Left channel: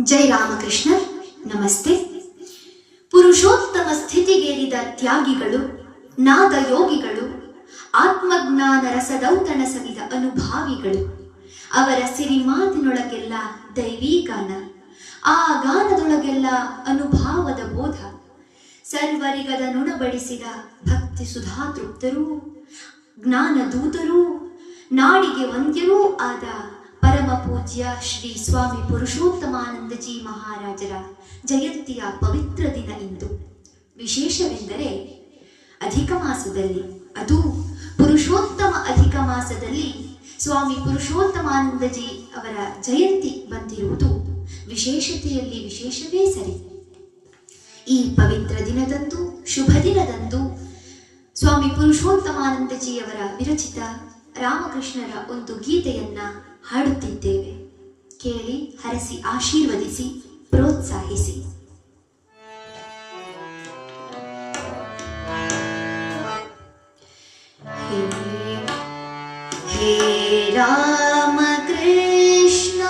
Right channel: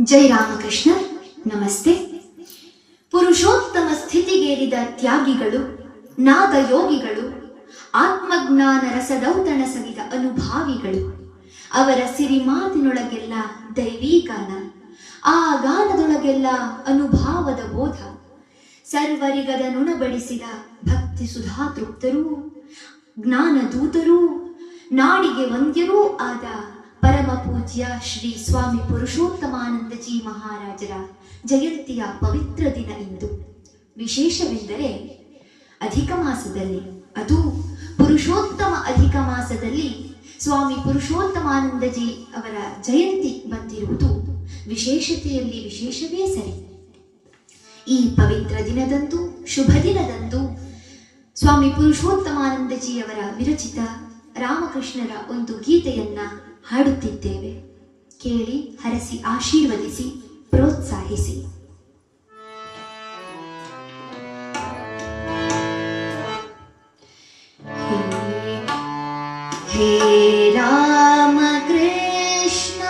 ಜೈ ರಾಮಕೃಷ್ಣ. ನಮಸ್ತೆ. ಪುರುಷೋತ್ತಮ ಸ್ಥಿತಿಗೇರಿದ ತ್ಯಾಗಿಗಳು, ನಾಗಯೋಗಿಗಳು, ಆತ್ಮಜ್ಞಾನ ರಸದೌತಣ ಸವಿದ ಅನುಭಾವಿಗಳು. ಅವರ ಸಿರಿಮಾತಿನೊಳಗೆಲ್ಲ ದೈವೀಗಾನ, ಆ ಗಾನದೊಳಗೆಲ್ಲ ಅನುಭಾವದ ಬೋಧ. ಸರ್ವರಿಗದ ನುಣಬಡಿಸಿದ ಭಕ್ತಿ ಸುಧಾತೃಪ್ತರೂ, ಜ್ಞಾನದೂತರೂ, ನಾಡಿಗೆ ವಂದ್ಯರೂ ಆದ ಪರಮ ಪೂಜ್ಯ ಶ್ರೀ ಸ್ವಾಮಿ ಪುರುಷೋತ್ತಮಾನಂದಜಿ ಮಹಾರಾಜರ ಜಯಂತಿಯ ಪವಿತ್ರ ದಿನ ಇಂದು. ವಿಶೇಷವೆಂದರೆ ಅಧಿಕ ಮಾಸದಲ್ಲಿ, ಅದು ಪುರುಷೋತ್ತಮ ಅಧಿಕ ಮಾಸದಲ್ಲಿ ಸ್ವಾಮಿ ಪುರುಷೋತ್ತಮಾನಂದಜಿ ಅವರ ಜಯಂತಿ ಬಂದಿರುವುದು ವಿಶೇಷತೆಯಲ್ಲಿ ವಿಶೇಷವೇ ಸರಿ. ಈ ಪವಿತ್ರ ದಿನದಂದು, ಶುಭ ದಿನದಂದು ಸ್ವಾಮಿ ಪುರುಷೋತ್ತಮಾನಂದಜಿಯವರ ವಿರಚಿತ ರಾಮಕೃಷ್ಣರ ಒಂದು ಗೀತೆಯನ್ನ ಹಾಡುತ್ತಿದ್ದೇವೆ. ಕೇಳಿ, ಹರಸಿ, ಆಶೀರ್ವದಿಸಿ, ಪ್ರೋತ್ಸಾಹಿಸಿ. ಹೇ ರಾಮ ಕೃಷ್ಣ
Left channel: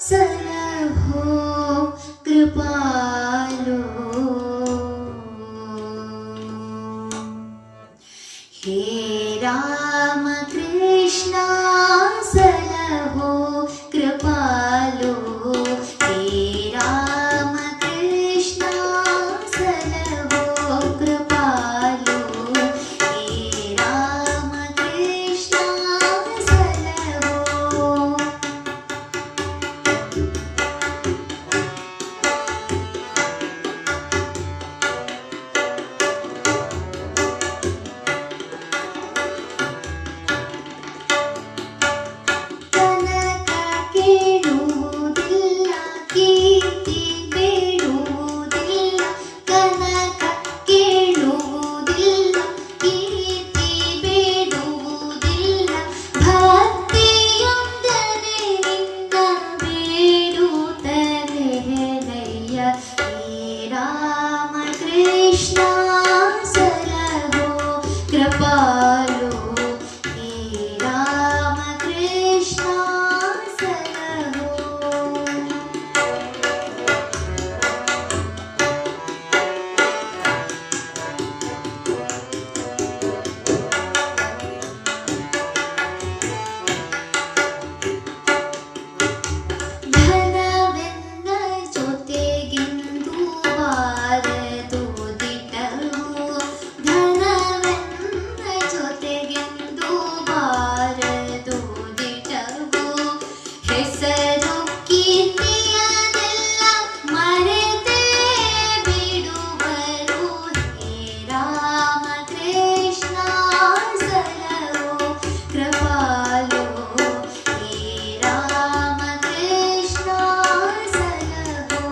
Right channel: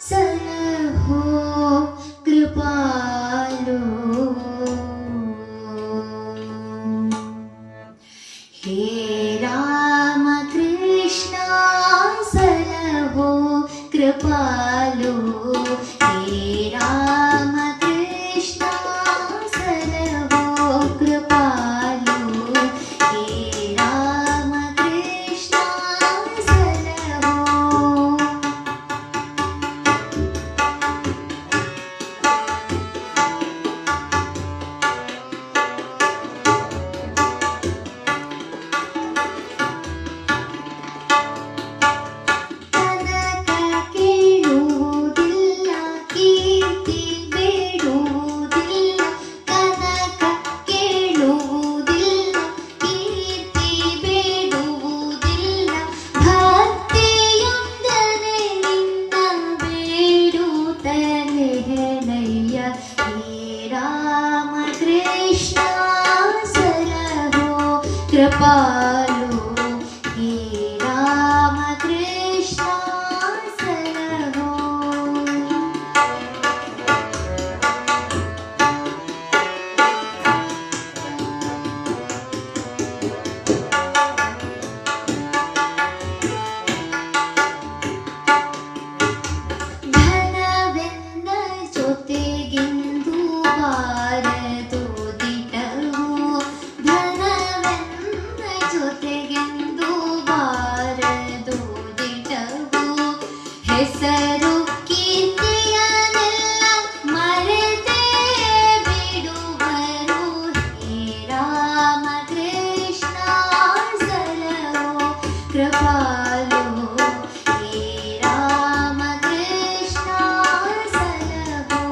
ಸಲಹೋ ಕೃಪಾಲೋ, ಹೇ ರಾಮ ಕೃಷ್ಣ ಸಲಹೋ ಕೃಪಾಲೋ, ಹೇ ರಾಮ ಕೃಷ್ಣ ಸಲಹೋ ಕೃಪಾಲೋ, ಹೇ ರಾಮ ಕೃಷ್ಣ ಸಲಹೋ. कृपालो, हे राम कृष्ण सलहो. ಧನವೆನ್ನ ಜೊತೆಗಿಂದು ಬಾರದು ದಿಟವು, ಧನವೆನ್ನ ಜೊತೆಗಿಂದು ಬಾರದು ದಿಟವು. ಹೆಸರು ಕೀರ್ತಿಯನ್ನೆಲ್ಲ ಮರೆತೇ ಬಿಡುವರು, ಹೇ ರಾಮ ಕೃಷ್ಣ ಸಲಹೋ ಕೃಪಾಲೋ, ಹೇ ರಾಮ ಕೃಷ್ಣ ಸಲಹೋ.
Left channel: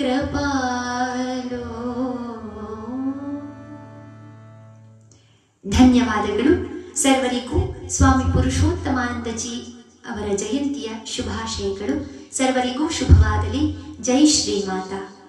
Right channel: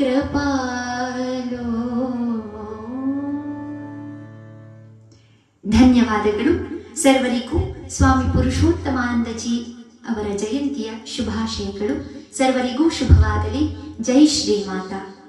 ಕೃಪಾಲೋ. ಧನ್ಯವಾದಗಳು. ಸರ್ವರಿಗೂ ಸ್ವಾಮಿ ಪುರುಷೋತ್ತಮಾನಂದಜಿ ಅವರ ಜಯಂತಿಯ ಶುಭಾಶಯಗಳು. ಸರ್ವರಿಗೂ ಶುಭವಾಗಲಿ. ಜೈ ಶ್ರೀಮಾತಾ.